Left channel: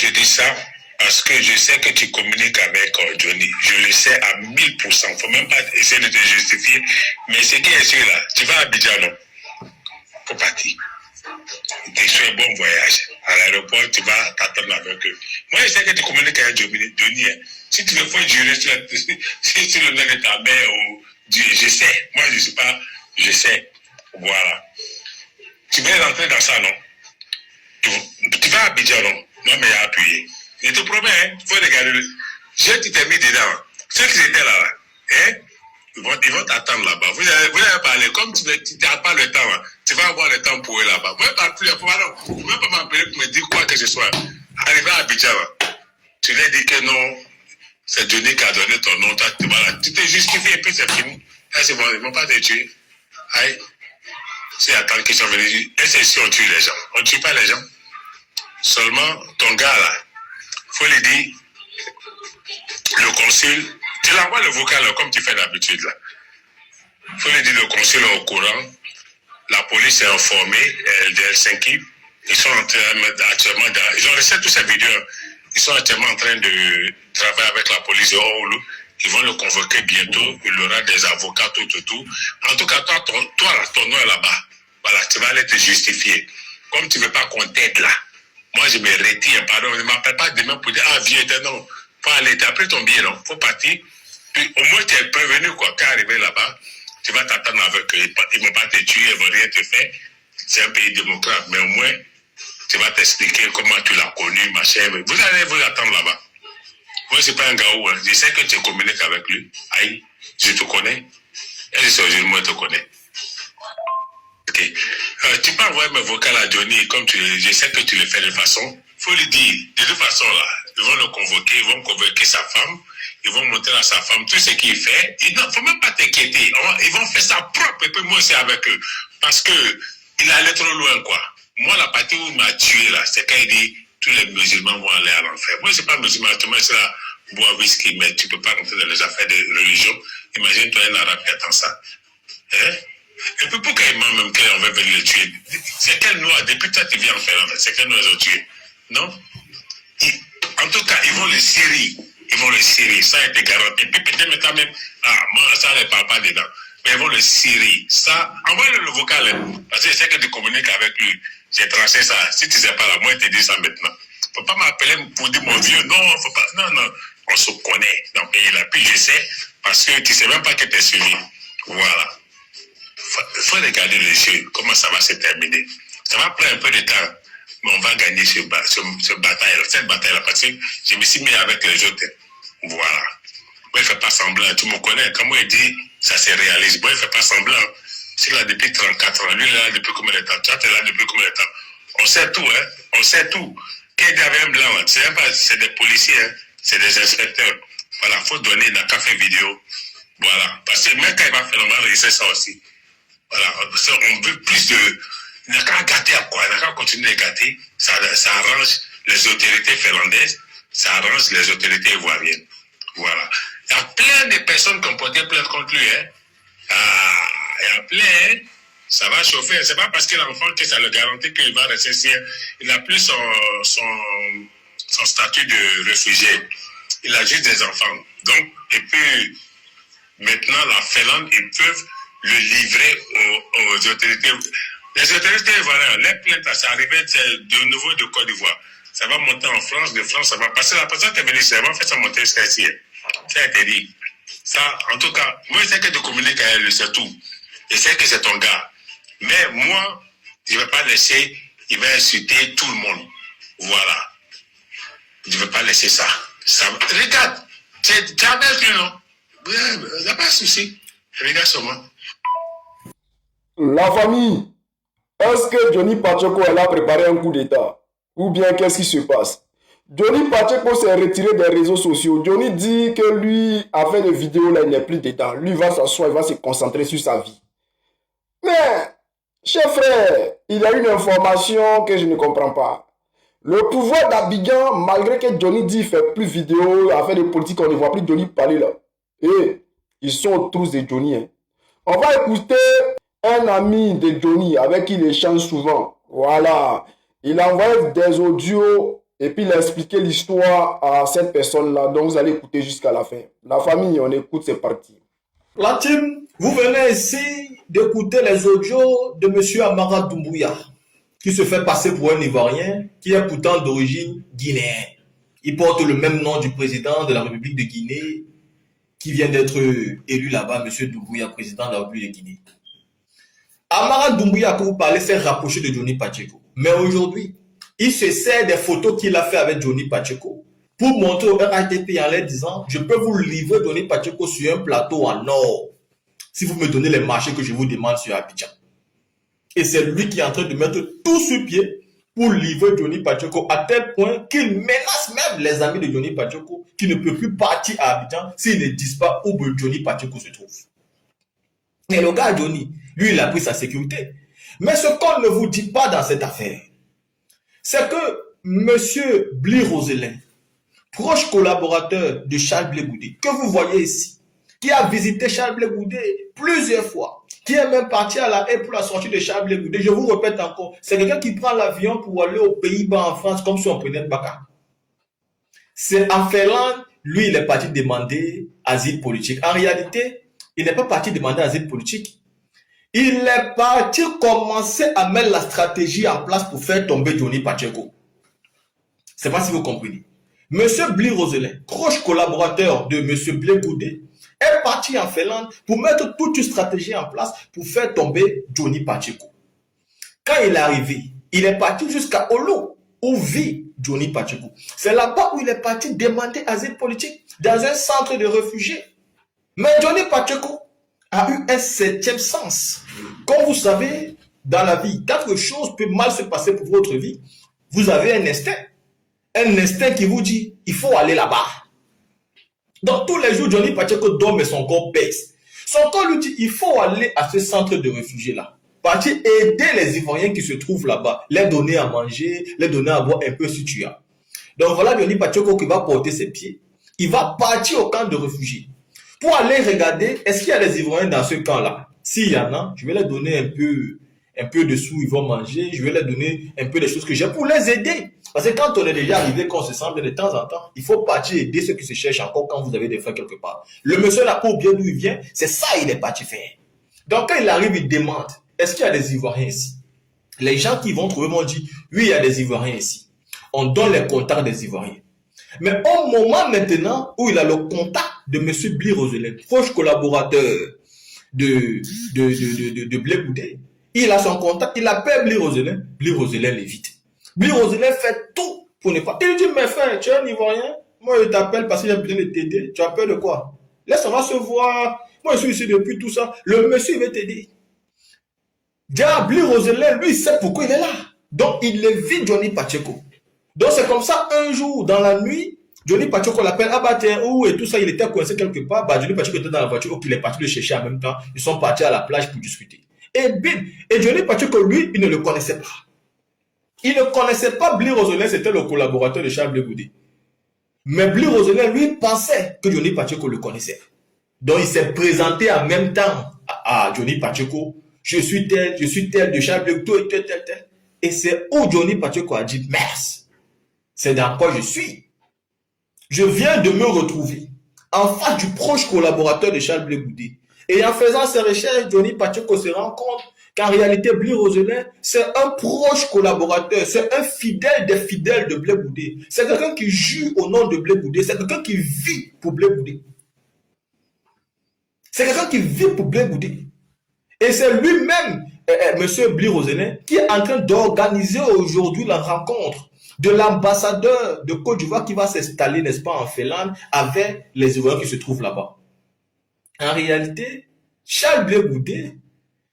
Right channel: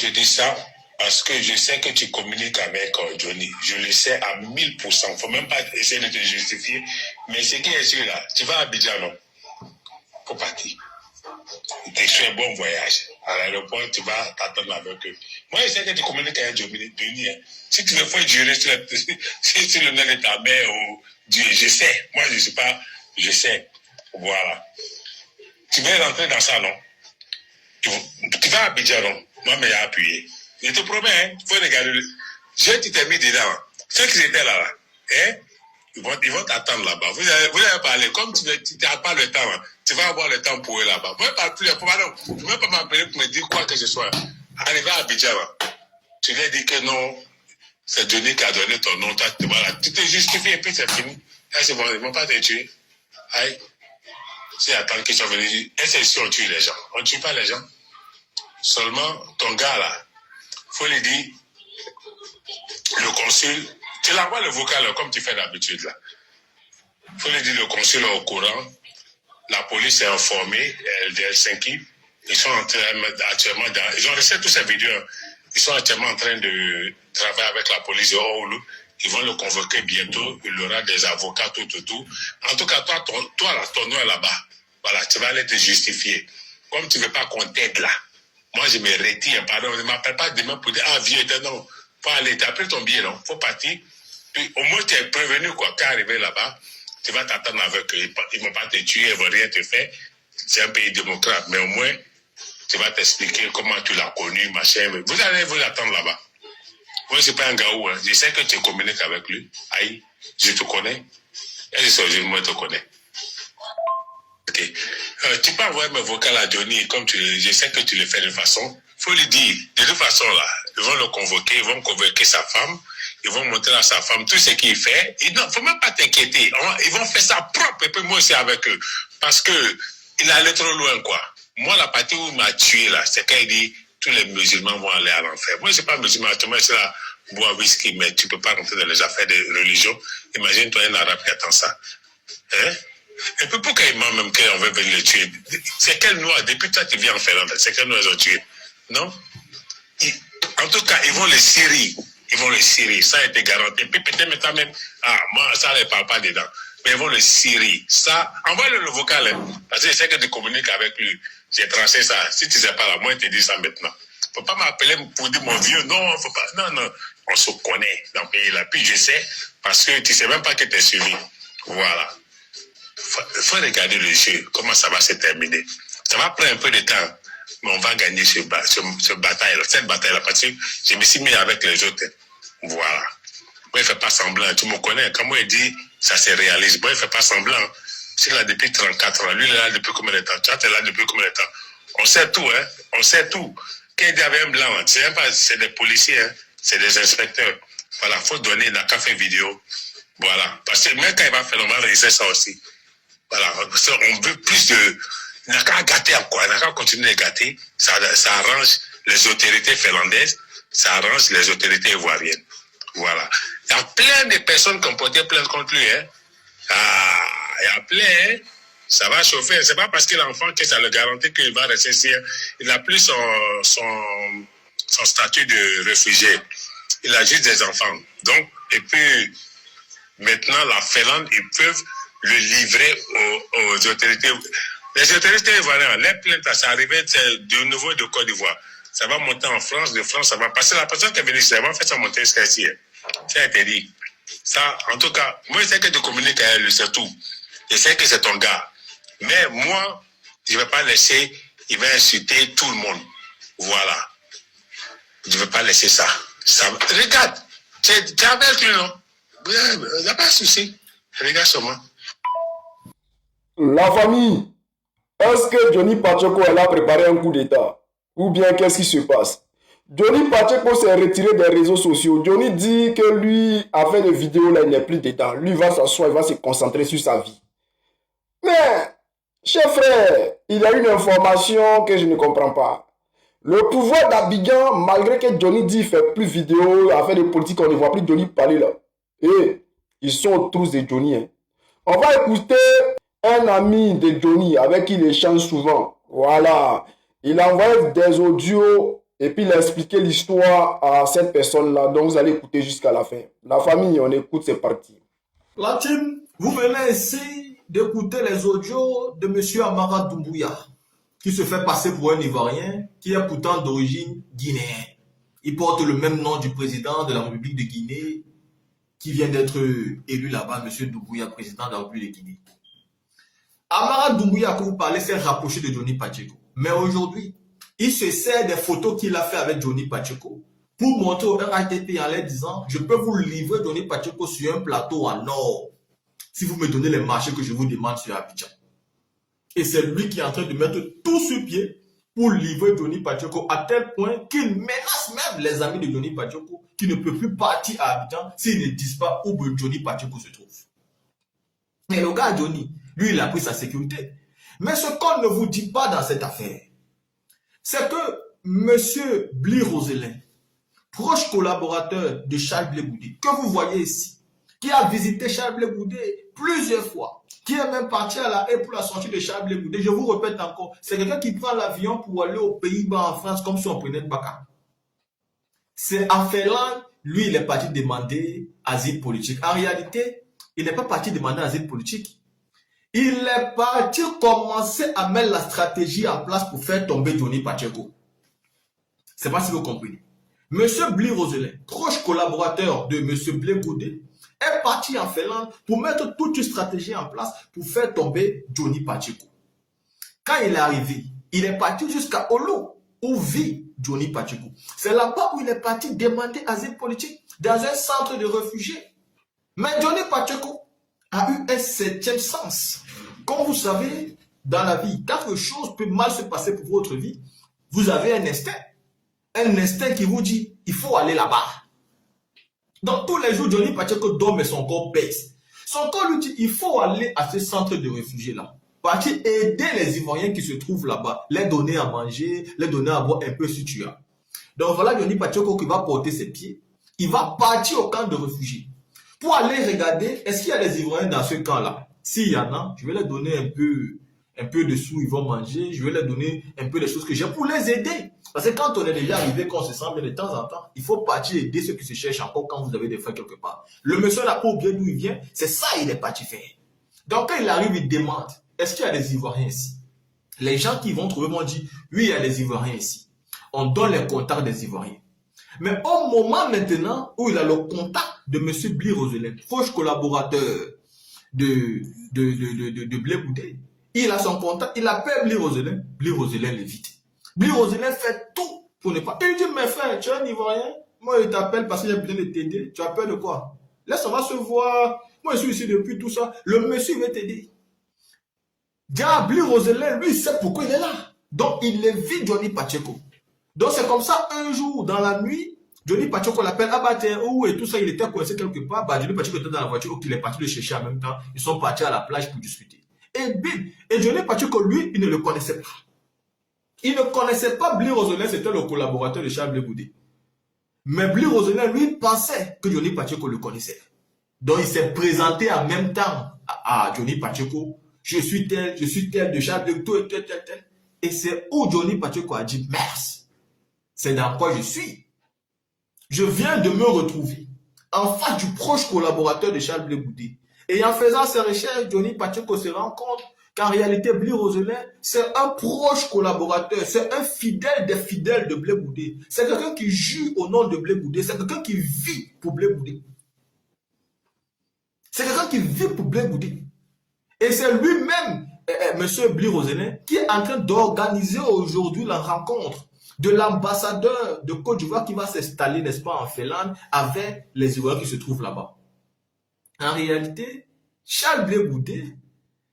je dis ça parce que je sais que tu communiques avec Johnny. Je le sais à 1000%. Il ne faut même pas essayer de te justifier. Mais ce qui est sûr là, tu vas à Abidjan, non? Faut partir. Tu fais un bon voyage. À l'aéroport, tu vas t'attendre avec eux. Moi, je sais que tu communiques avec Johnny. Hein. Si tu veux faire jurer si tu le mets de ta mère ou Dieu, je sais. Moi, je ne sais pas. Je sais. Voilà. Tu veux rentrer dans ça, non? Tu vas à Abidjan, non? Moi, mais appuyer. Je te promets, hein, il faut regarder. Je t'ai mis dedans. Ceux qui étaient là, hein, ils vont t'attendre là-bas. Vous allez parler. Comme tu n'as pas le temps, hein, tu vas avoir le temps pour eux là-bas. Vous ne pouvez pas m'appeler pour me dire quoi que ce soit. Arrivé à Abidjan, tu lui as dit que non, c'est Johnny qui a donné ton nom. Toi, voilà, tu t'es justifié et puis c'est fini. Là, c'est bon, ils ne vont pas te tuer. Aïe. C'est attendre qu'ils sont venus. Et c'est si on tue les gens. On ne tue pas les gens. Seulement, ton gars là, il faut lui dire, le consul, tu l'envoies le vocal comme tu fais d'habitude là. Il faut lui dire, le consul est au courant, la police est informée, de Helsinki, ils sont actuellement ils ont laissé toutes ces vidéos, ils sont actuellement en train de travailler avec la police de Oulu, ils vont le convoquer bientôt, il aura des avocats, tout. En tout cas, toi ton nom est là-bas. Voilà, tu vas aller te justifier. Comme tu ne veux pas qu'on t'aide là. Moi, je me retire, pardon, ne m'appelle pas demain pour dire, ah, viens, non, faut aller, t'as pris ton billet, non, faut partir. Puis, au moins, tu es prévenu, quoi, quand arrivé là-bas, tu vas t'attendre avec eux, ils ne vont pas te tuer, ils ne vont rien te faire. C'est un pays démocrate, mais au moins, tu vas t'expliquer comment tu l'as connu, machin. Vous allez vous l'attendre là-bas. Moi, c'est pas un gars où, hein. Je sais que tu communiques avec lui. Aïe, je te connais. Et je te connais. Okay. Tu peux envoyer mes vocales à Johnny, comme je sais que tu le fais de façon. Il faut lui dire, de toute façon, là, ils vont le convoquer, ils vont convoquer sa femme, ils vont montrer à sa femme tout ce qu'il fait. Il ne faut même pas t'inquiéter. Ils vont faire ça propre, et puis moi aussi avec eux. Parce qu'il allait trop loin, quoi. Moi, la partie où il m'a tué, là, c'est quand il dit tous les musulmans vont aller à l'enfer. Moi, je ne suis pas musulman, moi, c'est là, boire whisky, mais tu ne peux pas rentrer dans les affaires de religion. Imagine-toi un arabe qui attend ça. Hein? Et puis pourquoi ils mentent même qu'on veut venir le tuer? C'est quel noir? Depuis toi tu viens en Finlande, c'est quel noir ils ont tué? Non? En tout cas, ils vont les serrer. Ils vont les serrer. Ça a été garanti. Et puis peut-être quand même, moi, ça ne parle pas dedans. Mais ils vont le serrer. Ça, envoie-le le vocal. Hein, parce que je sais que tu communiques avec lui. J'ai tranché ça. Si tu ne sais pas, là, moi, je te dis ça maintenant. Il ne faut pas m'appeler pour dire mon vieux. Non, faut pas. Non. On se connaît dans le pays là. Puis je sais, parce que tu ne sais même pas que tu es suivi. Voilà. Il faut regarder les jeux, comment ça va se terminer. Ça va prendre un peu de temps, mais on va gagner cette bataille-là, parce que je me suis mis avec les autres. Voilà. Moi, il ne fait pas semblant, tu me connais. Comme il dit, ça se réalise. Moi, il ne fait pas semblant. C'est là depuis 34 ans. Lui, il est là depuis combien de temps? Tu es là depuis combien de temps? On sait tout, hein. On sait tout. Qu'il y avait un blanc, c'est des policiers, hein. C'est des inspecteurs. Voilà, il faut donner un café vidéo. Voilà. Parce que même quand il va faire normal, il sait ça aussi. Voilà, on veut plus de... Il n'a qu'à gâter à quoi? Il n'a qu'à continuer à gâter. Ça arrange les autorités finlandaises, ça arrange les autorités ivoiriennes. Voilà. Il y a plein de personnes qui ont porté plainte contre lui. Hein. Il y a plein. Hein. Ça va chauffer. C'est pas parce que l'enfant que ça le garantit qu'il va rester ici. Il n'a plus son statut de réfugié. Il a juste des enfants. Donc, et puis, maintenant, la Finlande, ils peuvent le livrer aux autorités. Les autorités ivoiriennes, les plaintes, ça arrivait de nouveau de Côte d'Ivoire. Ça va monter en France, de France, ça va passer. La personne qui est venue, ça va faire ça monter jusqu'à ici. Ça a été dit. Ça, en tout cas, moi, je sais que tu communiques avec lui, c'est tout. Je sais que c'est ton gars. Mais moi, je ne vais pas laisser, il va insulter tout le monde. Voilà. Je ne vais pas laisser ça. Regarde, tu es avec lui, non? Il n'y a pas de souci. Regarde sur moi. La famille, est-ce que Johnny Pacheco a préparé un coup d'État? Ou bien qu'est-ce qui se passe? Johnny Pacheco s'est retiré des réseaux sociaux. Johnny dit que lui, a fait des vidéos là, il n'est plus dedans. Lui va s'asseoir, il va se concentrer sur sa vie. Mais, cher frère, il y a une information que je ne comprends pas. Le pouvoir d'Abidjan, malgré que Johnny dit qu'il ne fait plus de vidéos, a fait des politiques, on ne voit plus Johnny parler là. Et ils sont autour de Johnny. Hein. On va écouter un ami de Johnny avec qui il échange souvent. Voilà. Il envoie des audios Et puis il a expliqué l'histoire à cette personne-là. Donc vous allez écouter jusqu'à la fin. La famille, on écoute, c'est parti. La team, vous venez ici d'écouter les audios de M. Amara Doumbouya, qui se fait passer pour un Ivoirien, qui est pourtant d'origine guinéenne. Il porte le même nom du président de la République de Guinée, qui vient d'être élu là-bas, M. Doumbouya, président de la République de Guinée. Amara Doumbouya, que vous parlez, s'est rapproché de Johnny Pacheco. Mais aujourd'hui, il se sert des photos qu'il a fait avec Johnny Pacheco pour montrer au RATP en leur disant « Je peux vous livrer Johnny Pacheco sur un plateau en or si vous me donnez les marchés que je vous demande sur Abidjan. » Et c'est lui qui est en train de mettre tout sur pied pour livrer Johnny Pacheco à tel point qu'il menace même les amis de Johnny Pacheco qui ne peuvent plus partir à Abidjan s'ils ne disent pas où Johnny Pacheco se trouve. Et le gars Johnny, lui, il a pris sa sécurité. Mais ce qu'on ne vous dit pas dans cette affaire, c'est que M. Bli Roselin, proche collaborateur de Charles Blé Goudé, que vous voyez ici, qui a visité Charles Blé Goudé plusieurs fois, qui est même parti à la haie pour la sortie de Charles Blé Goudé. Je vous répète encore, c'est quelqu'un qui prend l'avion pour aller aux Pays-Bas en France comme si on prenait le Baka. C'est en Finlande, lui, il est parti demander asile politique. En réalité, il n'est pas parti demander asile politique. Il est parti commencer à mettre la stratégie en place pour faire tomber Johnny Pacheco. Je ne sais pas si vous comprenez. Monsieur Bli Roselin, proche collaborateur de Monsieur Blé Goudé, est parti en Finlande pour mettre toute une stratégie en place pour faire tomber Johnny Pacheco. Quand il est arrivé, il est parti jusqu'à Olo, où vit Johnny Pacheco. C'est là-bas où il est parti demander asile politique, dans un centre de réfugiés. Mais Johnny Pacheco a eu un septième sens. Comme vous savez, dans la vie, quelque chose peut mal se passer pour votre vie, vous avez un instinct. Un instinct qui vous dit, il faut aller là-bas. Donc tous les jours, Johnny Pacheco dort, mais son corps pèse. Son corps lui dit, il faut aller à ce centre de réfugiés-là. Partir aider les Ivoiriens qui se trouvent là-bas. Les donner à manger, les donner à boire un peu si tu as. Donc voilà Johnny Pacheco qui va porter ses pieds. Il va partir au camp de réfugiés. Pour aller regarder, est-ce qu'il y a des Ivoiriens dans ce camp-là? S'il y en a, je vais leur donner un peu de sous, ils vont manger. Je vais leur donner un peu des choses que j'ai pour les aider. Parce que quand on est déjà arrivé, qu'on se sent bien de temps en temps, il faut partir aider ceux qui se cherchent encore quand vous avez des faits quelque part. Le monsieur n'a pas oublié d'où il vient, c'est ça il est parti faire. Donc quand il arrive, il demande, est-ce qu'il y a des Ivoiriens ici? Les gens qui vont trouver vont dire, oui, il y a des Ivoiriens ici. On donne les contacts des Ivoiriens. Mais au moment maintenant où il a le contact de M. Bli Roselin, proche collaborateur de Blé Goudé, il a son contact, il appelle Bli Roselin l'évite. Bli Roselin fait tout pour ne pas. Il lui dit, mais frère, tu es un Ivoirien, moi je t'appelle parce que j'ai besoin de t'aider, tu as peur de quoi? Laisse, on va se voir, moi je suis ici depuis tout ça, le monsieur il va t'aider. Déjà, Bli Roselin, lui il sait pourquoi il est là. Donc il évite Johnny Pacheco. Donc c'est comme ça, un jour, dans la nuit, Johnny Pacheco l'appelle, ah bah tiens, où et tout ça, il était coincé quelque part, bah Johnny Pacheco était dans la voiture, il est parti le chercher en même temps, ils sont partis à la plage pour discuter. Et bim, et Johnny Pacheco, lui, il ne le connaissait pas. Il ne connaissait pas Bli Roselin, c'était le collaborateur de Charles Blé Goudé. Mais Bli Roselin, lui, pensait que Johnny Pacheco le connaissait. Donc il s'est présenté en même temps à Johnny Pacheco, je suis tel de Charles Blé Goudé, tel. Et c'est où Johnny Pacheco a dit, merci. C'est dans quoi je suis. Je viens de me retrouver en face du proche collaborateur de Charles Blé Goudé. Et en faisant ses recherches, Johnny Pacheco se rend compte qu'en réalité, Bli Roselin, c'est un proche collaborateur, c'est un fidèle des fidèles de Blé Goudé. C'est quelqu'un qui jure au nom de Blé Goudé, c'est quelqu'un qui vit pour Blé Goudé. C'est quelqu'un qui vit pour Blé Goudé. Et c'est lui-même, M. Bli Roselin, qui est en train d'organiser aujourd'hui la rencontre de l'ambassadeur de Côte d'Ivoire qui va s'installer, n'est-ce pas, en Finlande, avec les Ivoiriens qui se trouvent là-bas. En réalité, Charles Blé Goudé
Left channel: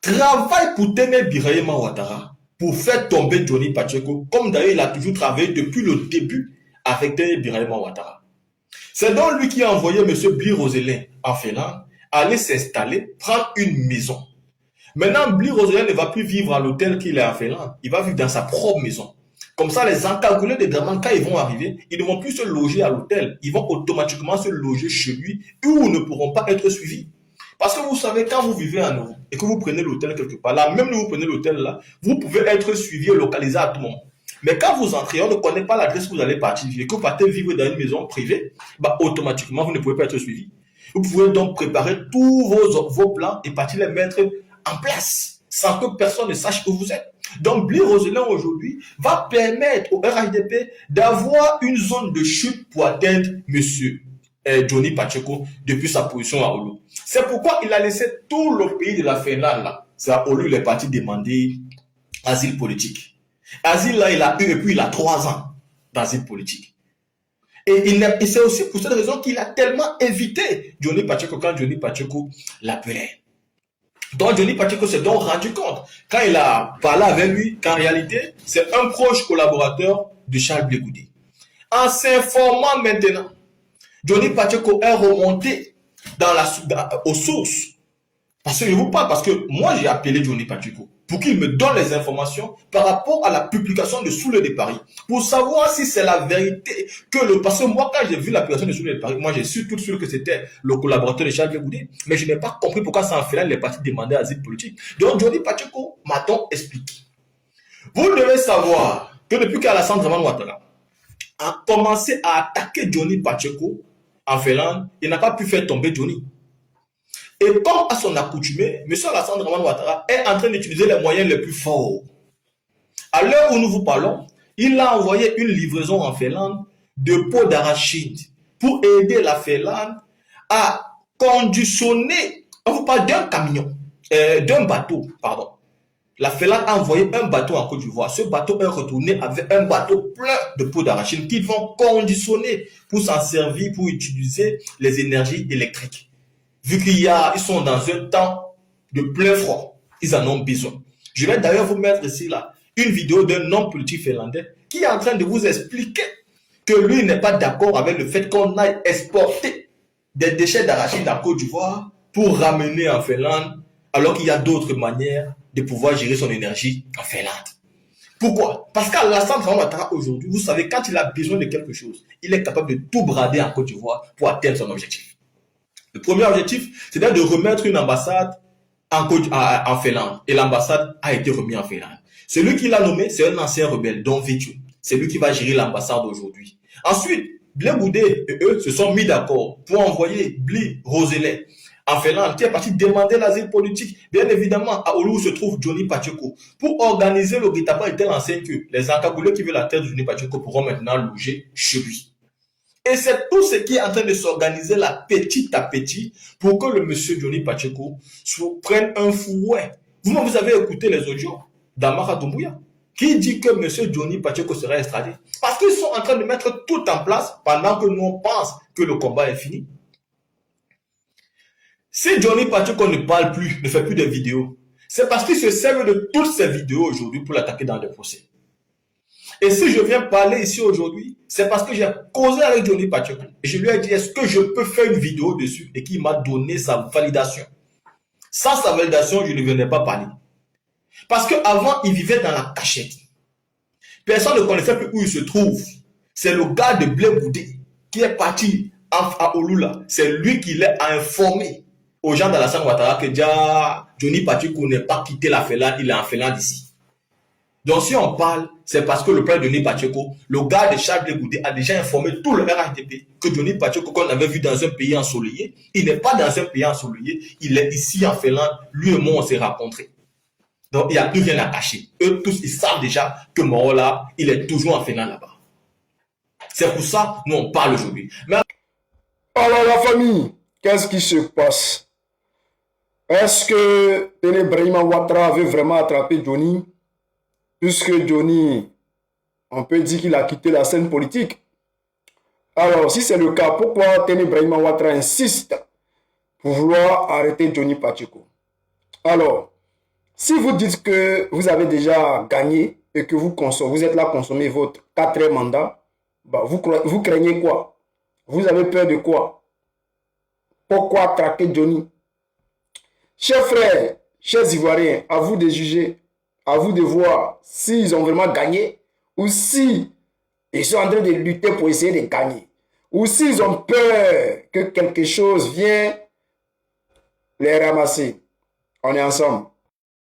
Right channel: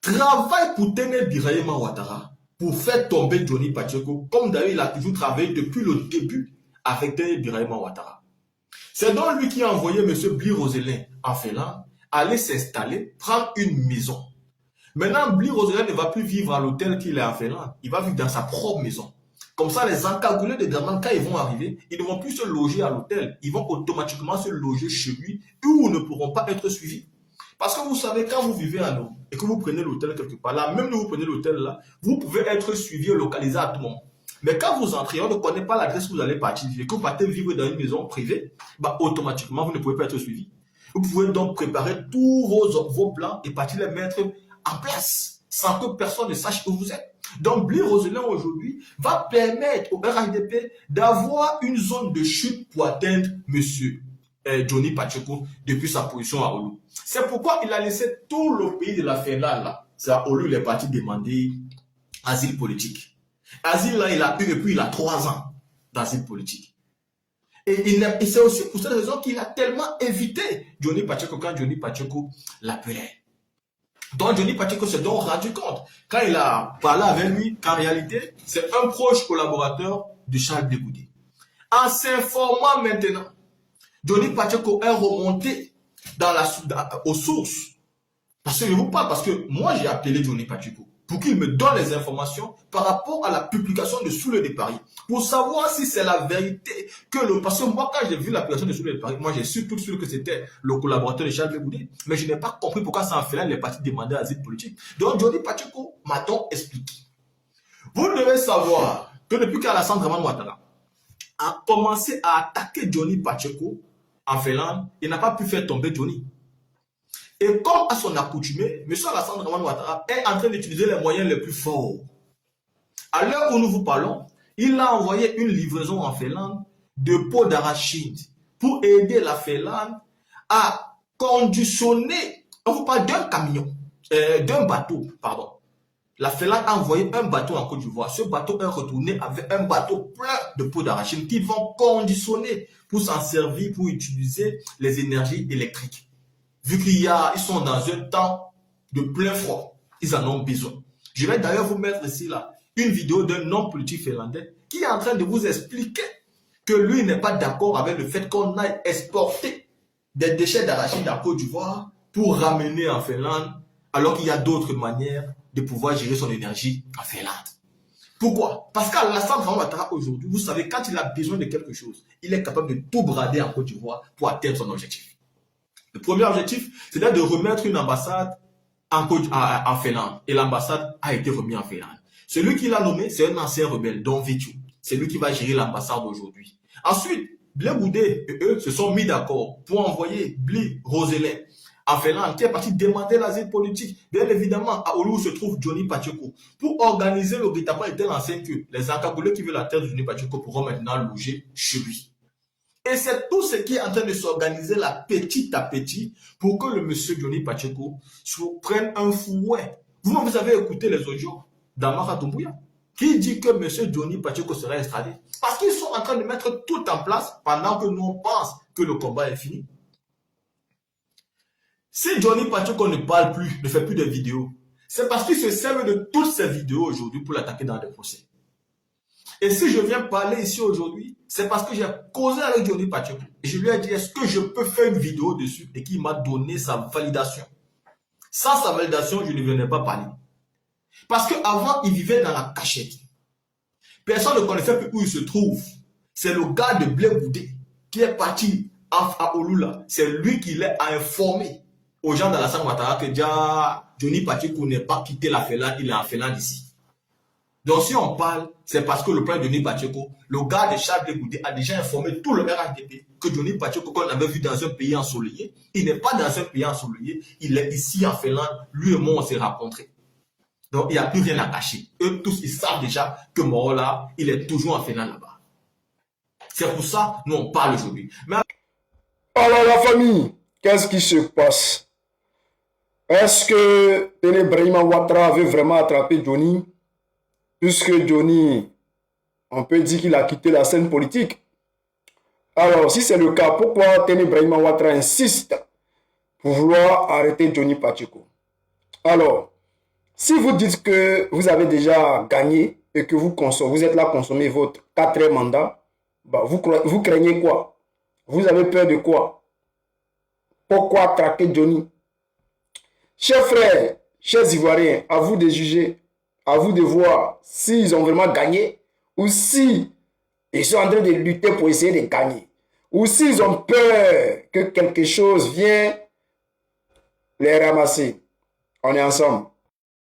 travaille pour Téné Birahima Ouattara pour faire tomber Johnny Pacheco, comme d'ailleurs il a toujours travaillé depuis le début avec Téné Birahima Ouattara. C'est donc lui qui a envoyé M. Bli Roselin en Finlande aller s'installer, prendre une maison. Maintenant, Bli Roselin ne va plus vivre à l'hôtel qu'il est en Finlande, il va vivre dans sa propre maison. Comme ça, les encagoulés de Draman, quand ils vont arriver, ils ne vont plus se loger à l'hôtel. Ils vont automatiquement se loger chez lui où ils ne pourront pas être suivis. Parce que vous savez, quand vous vivez en Europe et que vous prenez l'hôtel quelque part, là, même si vous prenez l'hôtel là, vous pouvez être suivi et localisé à tout moment. Mais quand vous entrez, on ne connaît pas l'adresse que vous allez partir vivre, que vous partez vivre dans une maison privée, bah, automatiquement, vous ne pouvez pas être suivi. Vous pouvez donc préparer tous vos plans et partir les mettre en place sans que personne ne sache où vous êtes. Donc, Blé Roselin aujourd'hui va permettre au RHDP d'avoir une zone de chute pour atteindre monsieur Johnny Pacheco depuis sa position à Oulu. C'est pourquoi il a laissé tout le pays de la Finlande là. C'est à Oulu, il est parti demander asile politique. Asile là, il a eu, et puis il a 3 ans d'asile politique. Et c'est aussi pour cette raison qu'il a tellement évité Johnny Pacheco quand Johnny Pacheco l'appelait. Donc Johnny Pacheco s'est donc rendu compte, quand il a parlé avec lui, qu'en réalité, c'est un proche collaborateur de Charles Blé Goudé. En s'informant maintenant, Johnny Pacheco est remonté aux sources. Parce que je vous parle, parce que moi j'ai appelé Johnny Pacheco pour qu'il me donne les informations par rapport à la publication de Soulé de Paris, pour savoir si c'est la vérité parce que moi quand j'ai vu la publication de Soulé de Paris, moi j'ai su tout de suite que c'était le collaborateur de Charles Blé Goudé, mais je n'ai pas compris pourquoi ça en fait là les partis demandaient asile politique. Donc Johnny Pacheco m'a donc expliqué. Vous devez savoir que depuis qu'Alassane Dramane Ouattara a commencé à attaquer Johnny Pacheco en Finlande, il n'a pas pu faire tomber Johnny. Et comme à son accoutumé, M. Alassane Dramane Ouattara est en train d'utiliser les moyens les plus forts. À l'heure où nous vous parlons, il a envoyé une livraison en Finlande de pots d'arachide pour aider la Finlande à conditionner, on vous parle d'un camion, d'un bateau, pardon. La Finlande a envoyé un bateau en Côte d'Ivoire. Ce bateau est retourné avec un bateau plein de pots d'arachide qu'ils vont conditionner pour s'en servir, pour utiliser les énergies électriques. Vu qu'ils sont dans un temps de plein froid, ils en ont besoin. Je vais d'ailleurs vous mettre ici là une vidéo d'un homme politique finlandais qui est en train de vous expliquer que lui n'est pas d'accord avec le fait qu'on aille exporter des déchets d'arachide en Côte d'Ivoire pour ramener en Finlande, alors qu'il y a d'autres manières de pouvoir gérer son énergie en Finlande. Pourquoi? Parce qu'Alassane Dramane Ouattara aujourd'hui, vous savez, quand il a besoin de quelque chose, il est capable de tout brader en Côte d'Ivoire pour atteindre son objectif. Le premier objectif, c'était de remettre une ambassade en Finlande. Et l'ambassade a été remise en Finlande. Celui qui l'a nommé, c'est un ancien rebelle, Don Vitu. C'est lui qui va gérer l'ambassade aujourd'hui. Ensuite, Blé Goudé et eux se sont mis d'accord pour envoyer Blé Roselin en Finlande, qui est parti demander l'asile politique, bien évidemment, à Oulu où se trouve Johnny Pacheco, pour organiser le guet-apens de telle enseigne que les encagoulés qui veulent la tête de Johnny Pacheco pourront maintenant loger chez lui. Et c'est tout ce qui est en train de s'organiser là, petit à petit, pour que le monsieur Johnny Pacheco prenne un fouet. Vous avez écouté les audios d'Amara Doumbouya, qui dit que monsieur Johnny Pacheco sera extradé. Parce qu'ils sont en train de mettre tout en place pendant que nous on pense que le combat est fini. Si Johnny Pacheco ne parle plus, ne fait plus de vidéos, c'est parce qu'il se sert de toutes ces vidéos aujourd'hui pour l'attaquer dans des procès. Et si je viens parler ici aujourd'hui, c'est parce que j'ai causé avec Johnny Pacheco. Et je lui ai dit, est-ce que je peux faire une vidéo dessus? Et qu'il m'a donné sa validation. Sans sa validation, je ne viendrai pas parler. Parce qu'avant, il vivait dans la cachette. Personne ne connaissait plus où il se trouve. C'est le gars de Blé Goudé qui est parti à Olula. C'est lui qui l'a informé aux gens d'Alassane Ouattara que Johnny Pacheco n'est pas quitté la Finlande, il est en Finlande ici. Donc si on parle, c'est parce que le père de Johnny Pacheco, le gars de Charles Blé Goudé, a déjà informé tout le RHDP que Johnny Pacheco, qu'on avait vu dans un pays ensoleillé, il n'est pas dans un pays ensoleillé, il est ici en Finlande, lui et moi on s'est rencontrés. Donc il n'y a plus rien à cacher. Eux tous, ils savent déjà que Morola, il est toujours en Finlande là-bas. C'est pour ça nous on parle aujourd'hui. Mais... Alors la famille, qu'est-ce qui se passe? Est-ce que Téné Brahima Ouattara veut vraiment attraper Johnny? Puisque Johnny, on peut dire qu'il a quitté la scène politique. Alors, si c'est le cas, pourquoi Téné Brahima Ouattara insiste pour vouloir arrêter Johnny Pacheco? Alors, si vous dites que vous avez déjà gagné et que vous êtes là à consommer votre 4e mandat, bah vous craignez quoi? Vous avez peur de quoi? Pourquoi traquer Johnny? Chers frères, chers Ivoiriens, à vous de juger. À vous de voir s'ils ont vraiment gagné ou si ils sont en train de lutter pour essayer de gagner. Ou s'ils ont peur que quelque chose vienne les ramasser. On est ensemble.